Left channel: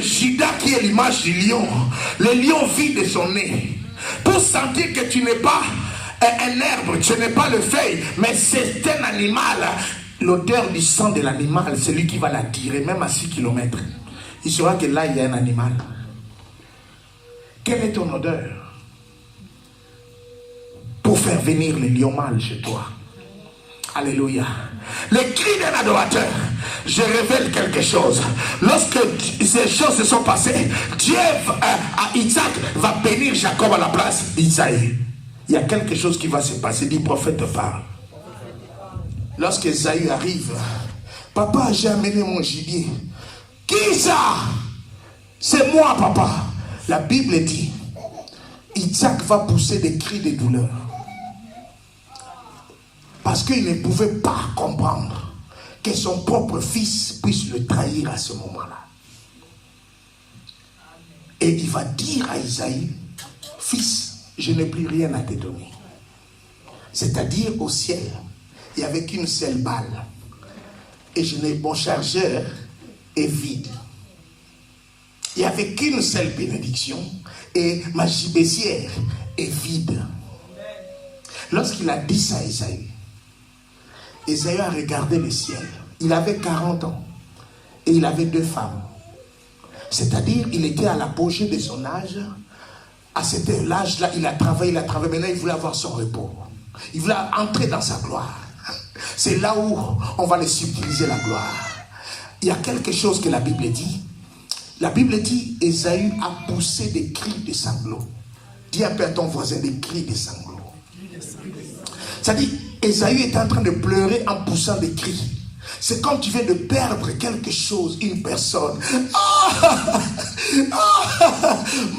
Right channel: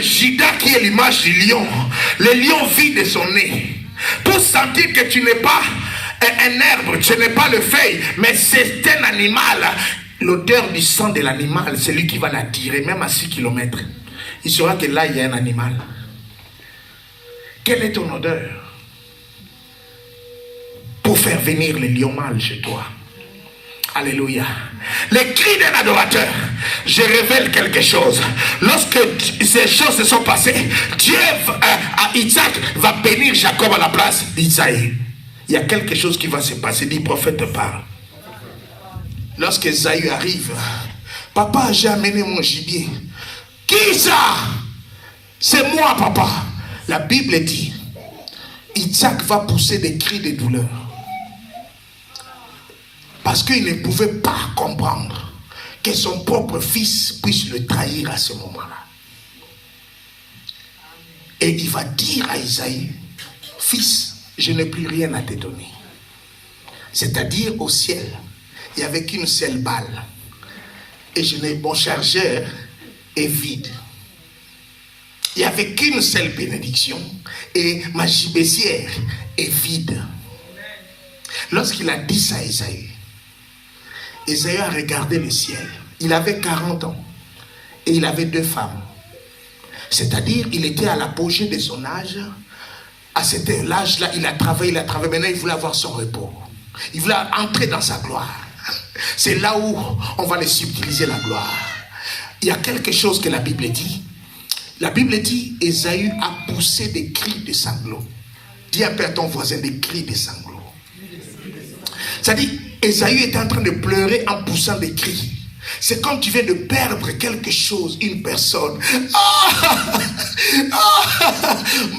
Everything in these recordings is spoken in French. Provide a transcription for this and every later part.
Judas qui est l'image du lion. Le lion vit de son nez. Pour sentir que tu n'es pas un arbre, tu n'es pas le feuille, mais c'est un animal. L'odeur du sang de l'animal, c'est lui qui va l'attirer, même à 6 km. Il saura que là, il y a un animal. Quelle est ton odeur pour faire venir le lion mâle chez toi? Alléluia. Les cris d'un adorateur. Je révèle quelque chose. Lorsque ces choses se sont passées, Dieu à Isaac va bénir Jacob à la place d'Isaïe. Il y a quelque chose qui va se passer. Dit prophète parle. Lorsque Isaïe arrive, papa, j'ai amené mon gibier. Qui ça? C'est moi, papa. La Bible dit, Isaac va pousser des cris de douleur. Parce qu'il ne pouvait pas comprendre que son propre fils puisse le trahir à ce moment-là. Et il va dire à Isaïe, fils, je n'ai plus rien à te donner. C'est-à-dire au ciel, il n'y avait qu'une seule balle. Et mon chargeur est vide. Il n'y avait qu'une seule bénédiction. Et ma gibecière est vide. Lorsqu'il a dit ça à Isaïe, Isaïe a regardé le ciel. Il avait 40 ans. Et il avait 2 femmes. C'est-à-dire, il était à l'apogée de son âge. À cet âge-là, il a travaillé. Maintenant, il voulait avoir son repos. Il voulait entrer dans sa gloire. C'est là où on va les subtiliser la gloire. Il y a quelque chose que la Bible dit. La Bible dit, Ésaü a poussé des cris de sanglots. Dis un peu à ton voisin, des cris de sanglots. C'est-à-dire, Ésaü est en train de pleurer en poussant des cris. C'est comme tu viens de perdre quelque chose, une personne.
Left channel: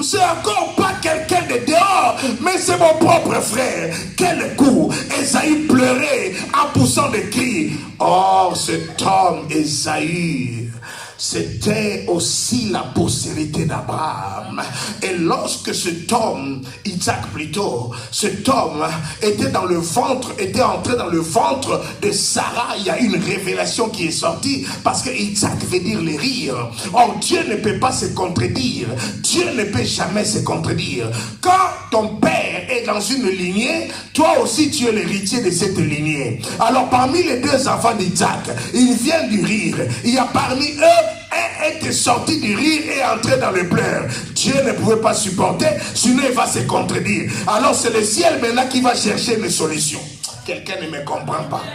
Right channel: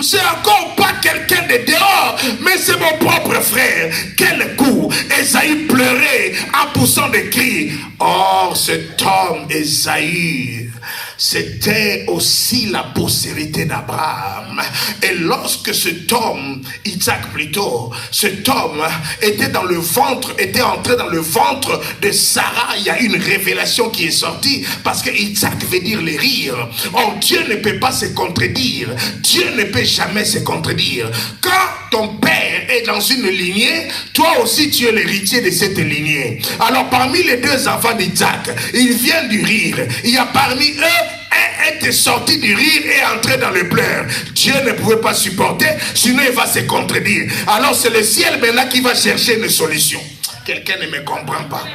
C'est encore pas quelqu'un de dehors, mais c'est mon propre frère. Quel coup! Ésaü pleurait en poussant des cris. Or, cet homme, Ésaü, c'était aussi la postérité d'Abraham. Et lorsque cet homme, Isaac plutôt, cet homme était entré dans le ventre de Sarah, il y a une révélation qui est sortie, parce que Isaac veut dire les rires. Or, Dieu ne peut pas se contredire. Dieu ne peut jamais se contredire. Quand ton père est dans une lignée, toi aussi tu es l'héritier de cette lignée. Alors, parmi les 2 enfants d'Isaac, il vient du rire. Il y a parmi eux un était sorti du rire et entré dans le pleurs. Dieu ne pouvait pas supporter, sinon il va se contredire. Alors c'est le ciel maintenant qui va chercher une solution. Quelqu'un ne me comprend pas.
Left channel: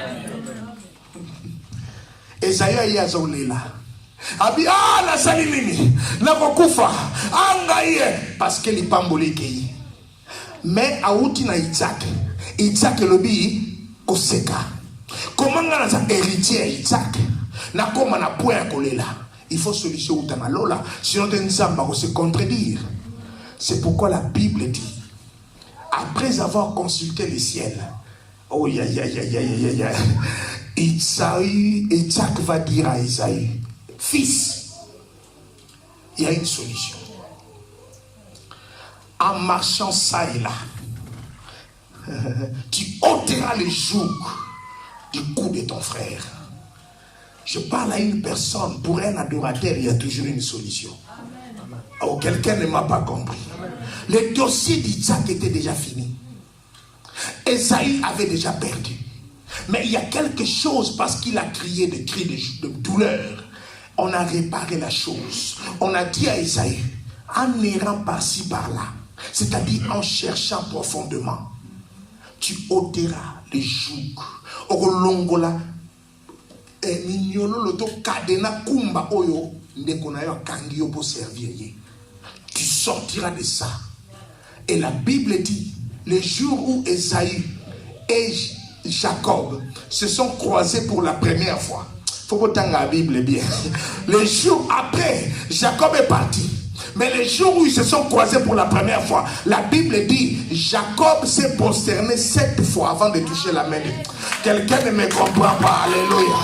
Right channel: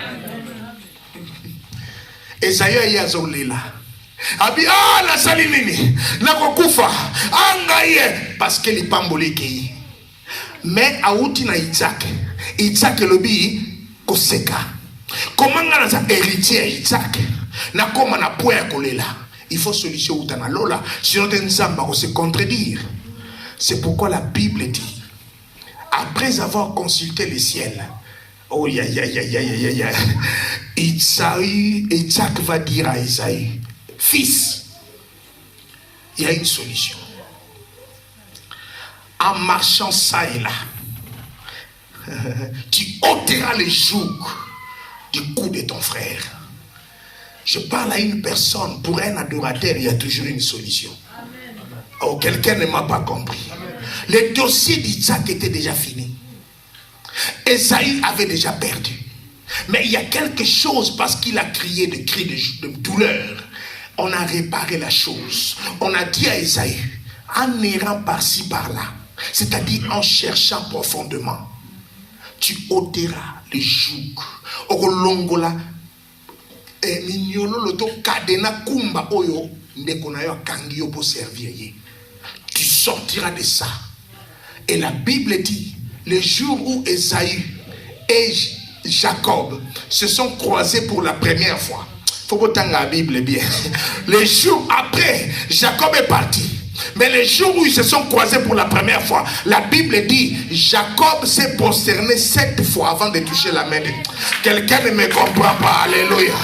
Esaïe yazolela. Abi na sali nini na kokufa angaye parce que li pamboli kei. Mais auti na Isaac lobi koseka. Comment ngana za héritier Isaac na koma na point kolela. Il faut solution ou dans lola, sinon t'ensamba va se contredire. C'est pourquoi la Bible dit, après avoir consulté le ciel, oh Isaac va dire à Isaïe, fils, il y a une solution. En marchant ça et là, tu ôteras les jougs du cou de ton frère. Je parle à une personne, pour un adorateur, il y a toujours une solution. Oh, quelqu'un ne m'a pas compris. Le dossier d'Isaac était déjà fini. Ésaü avait déjà perdu. Mais il y a quelque chose, parce qu'il a crié des cris de douleur. On a réparé la chose. On a dit à Ésaü, en errant par-ci, par-là, c'est-à-dire en cherchant profondément, tu ôteras les jougs. Orolongola. Tu sortiras de ça. Et la Bible dit, le jour où Ésaü et Jacob se sont croisés pour la première fois, faut que la Bible bien. Le jour après, Jacob est parti. Mais le jour où ils se sont croisés pour la première fois, la Bible dit, Jacob s'est prosterné 7 fois avant de toucher la main. Quelqu'un ne me comprend pas. Alléluia.